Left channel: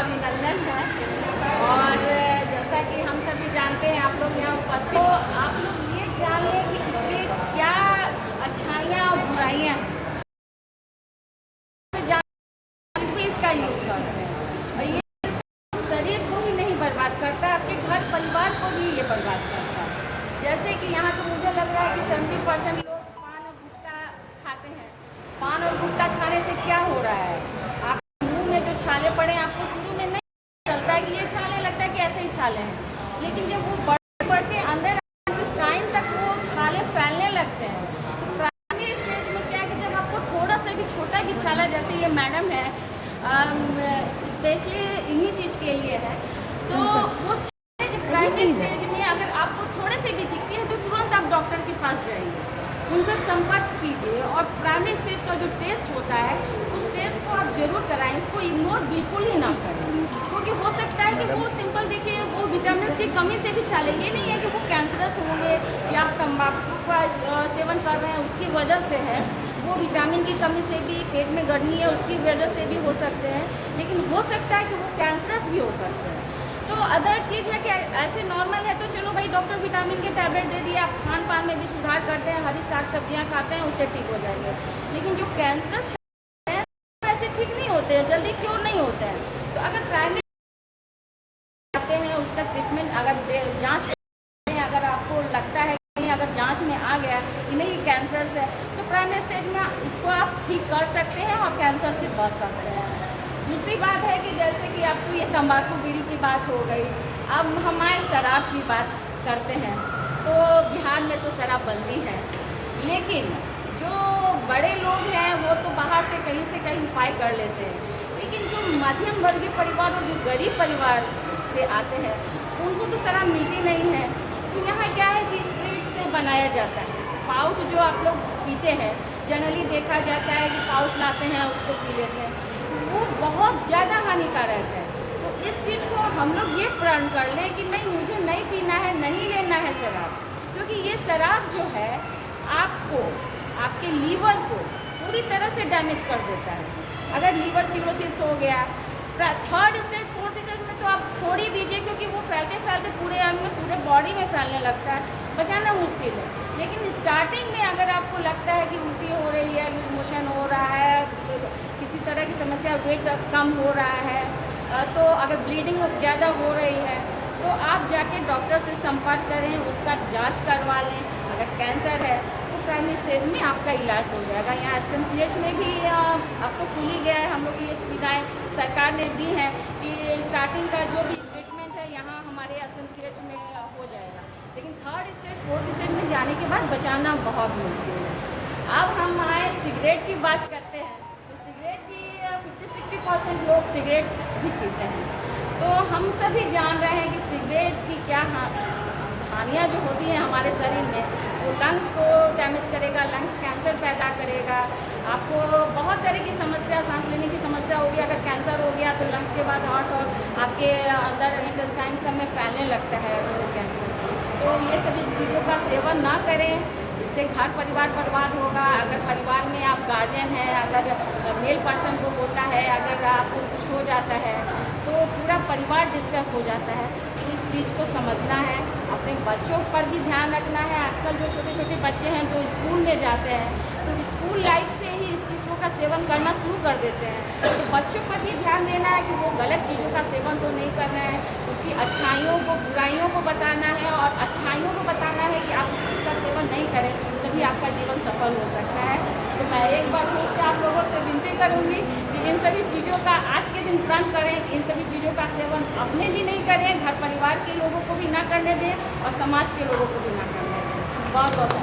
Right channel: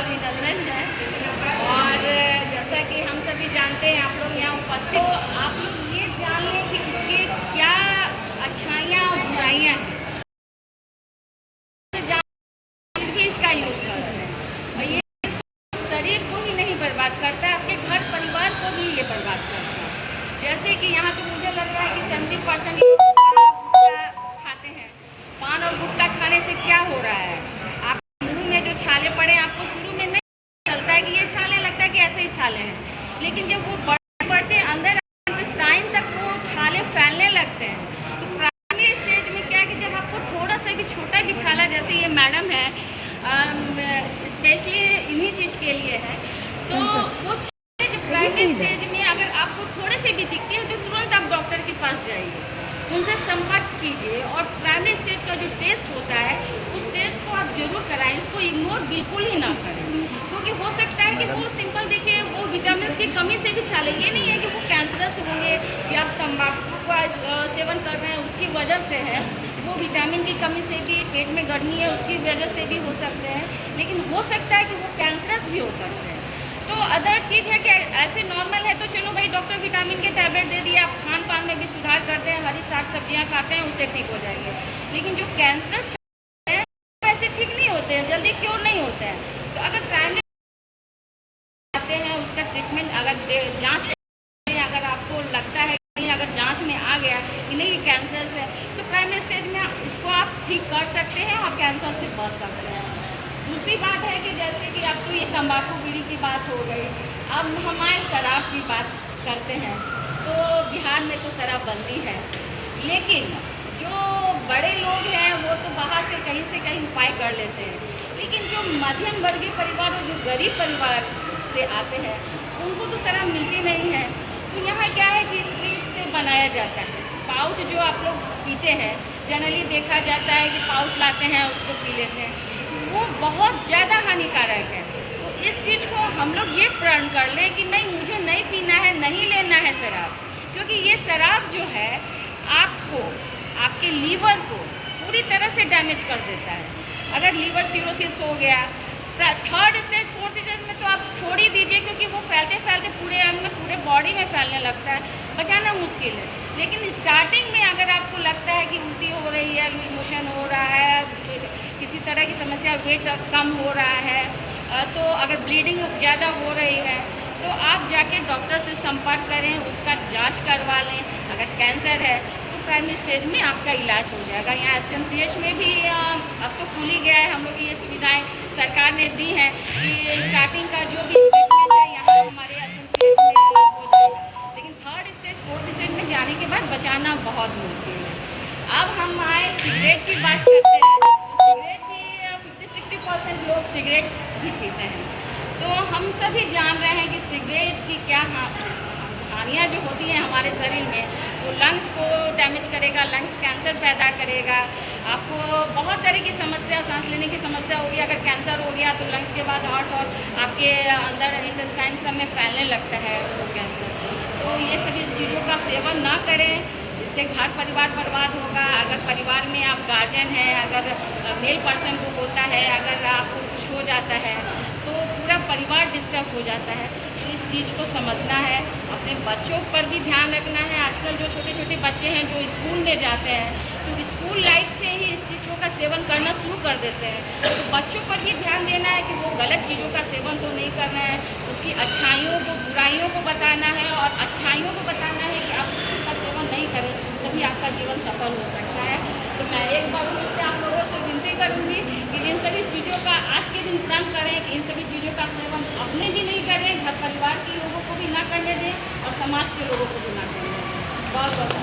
अभिनंदन है। और जैसा कि हम सभी जानते हैं, आप लोग यहाँ उपस्थित, तो आप लोग ये जान लें कि इसके क्या अच्छाइयाँ और बुराइयाँ हैं, भी इसका यूज़ करते हैं। और ये शरीर को ही नहीं बर्बाद करता, आपके घर परिवार को भी ये बर्बाद करता है। जैसे कि यहाँ तो मुझे लग रहा है कि 70% लोग पान और गुटखा खाते हैं। पान और गुटखा खाने से क्या हो रहा है, आप मुंह में जो छाले पड़े, आपको शुरू में नहीं चलता है कि ये छाले, लगता है कि ऐसे ही छाले हैं, लेकिन जब वो बढ़ते बढ़ते अंदर टाइम तक वो छाले फैलने लगते हैं। तो प्राइमरी स्टेज में क्या है कि जब आपको थोड़ा सा भी छोटा भी छाला, जैसे ये मैडम है, स्पेशली इन्हीं चीज़ के लिए है, तो वो प्राइमरी स्टेज में अगर आपको थोड़े से भी दिखती है तो तुरंत आप डॉक्टर के पास जाइए, उनसे संपर्क कीजिए। और प्राइमरी स्टेज का जो टेस्ट होता है, उस टेस्ट को आप जरूर कराएं, उसको इग्नोर बिल्कुल ही ना करें, क्योंकि हो सकता है कि वो सिंपल, देखिए, वो विटामिन की कमी से भी छाले, ये नहीं है कि वो कैंसरस होंगे या आप तंबाकू का सेवन कर रहे हैं उसकी वजह से है, वो विटामिन की कमी से भी, पेट में गर्मी है उसकी वजह से भी हो सकते हैं, लेकिन हो सकता है कि वो कैंसरस भी हो सकते हैं। तो अदर चीज़ है कि ऐसे नॉर्मल है तो चलो भाई, डॉक्टर विटामिन के टैबलेट दे दिए, आप खान पान में भी सुधार करते हैं, हरी साग सब्जियां खाते हैं, उससे ठीक हो जाएंगे। लेकिन जो कैंसरस है वैसे ठीक नहीं होते हैं, जल्दी क्योर नहीं होते हैं। तो अगर प्राइमरी आते हैं, उसका ट्रीटमेंट अगर जाँच, अगर आपको लगता है कि अगर जांच में आ गया कि नहीं ये कैंसर है, तो प्राइमरी स्टेज में इसको आप ठीक कर सकते हैं और कैंसर से बच सकते हैं। दूसरी बात है कि जैसे कि अब तो ये तंबाकू बीड़ी की बात हो गई, अब हमारे शराब की बात करते हैं, तो बिहार में तो शराबबंदी है, लेकिन जो बड़े लोग हैं वो तो बाहर से कहीं उपाय कर लेते हैं, लेकिन जो मध्यम वर्गीय परिवार और जो गरीब परिवार से आते हैं उनको तो शराब मिलती नहीं है। तो यहाँ क्या है कि स्प्रिट से बनाया जाता है, पाउच जो आप लोग पीते हैं, जनरली देखा जाता है कि पाउच लाते हैं उसको पी लेते हैं, वो बहुत ज़्यादा हानिकारक है। तो इस चीज़ को हम लोग ये प्रण कर लें कि नहीं, मुझे नहीं पीना है, नहीं लेना है शराब, क्योंकि ये शराब जो है आपको, आपके लीवर को पूरी तरह से डैमेज कर देता है। अगर लीवर सिरोसिस हो गया, थर्ड स्टेज फोर्थ स्टेज में तो आप छोड़ ही दीजिए, क्योंकि वो फैलते फैलते पूरे अंग में, पूरे बॉडी में फैलने लगता है, बचाना मुश्किल है। लेकिन स्टार्टिंग में अगर आपको लगता है कि उल्टी हो रही है, लूज मोशन हो रहा है, किसी तरह की समस्या, वेट कम हो रहा है, तो अगर ब्लीडिंग ज़्यादा हो रही है, तो आप जाके डॉक्टर से संपर्क करें, उसका जांच करवा लें। अगर कैंसर है तो प्राइमरी स्टेज में आपका इलाज हो जाएगा। यहाँ SMCH में भी अब तो खुल ही गया है, हम लोग की ये सुविधाएं सरकार ने दी हैं कि स्टार्टिंग का जो भी ट्रीटमेंट है यहाँ हमारे SMCH में हो जाएगा, लेकिन थर्ड स्टेज फोर्थ स्टेज में जाने के बाद बचाना बहुत मुश्किल है। अब हम आए सिगरेट की बात करते हैं, तो सिगरेट भी 50-60% लोग सिगरेट भी पीते हैं। तो हम सभी जान रहे हैं कि सिगरेट की क्या हानियाँ जो होती हैं हमारे शरीर में, वो लंग्स को डैमेज करेगा, लंग्स कैंसर पैदा करेगा, आपको बहुत तरह की समस्या, सांस लेने की समस्या होगी। अगर कैंसर हो गया तो लंग्स के बाद हार्ट और आपके अंदर इंटेस्टाइन सब में फैलने लगता है वो कैंसर। तो ये सभी चीज़ों का सेवन ना करें, इससे घर परिवार बर्बाद होगा। अगर परिवार में आप गार्जियन हैं, अगर मेल पर्सन को होता है, अगर आपको कुछ हो जाता है तो पूरा परिवार डिस्टर्ब हो जाता है। तो इस चीज़ को समझना है, अपने बच्चों पर भी ध्यान रखना है। आजकल जो छोटे छोटे बच्चे हैं जो स्कूल में जाते हैं, तो स्कूल लाइफ से ही इस चीज़ों का सेवन करना शुरू कर देते हैं। तो बच्चों पर भी ध्यान देना है कि वो गलत चीज़ों का सेवन तो नहीं करना है, उसकी अच्छाइयों को, बुराइयों को बताना है, और अच्छाइयों को बताना है कि आप इस चीज़ का सेवन नहीं करें, तभी आपका जीवन सफल हो सकता है। तो मैं एक बार फिर से आप लोगों से विनती करूँगी कि इन सभी चीज़ों का आज के दिन प्रण करें, कि इन सभी चीज़ों का सेवन अपने भी नहीं करें, घर परिवार के लोगों को भी ना करने दें, और समाज के लोगों को भी ना करने दें। बहुत बहुत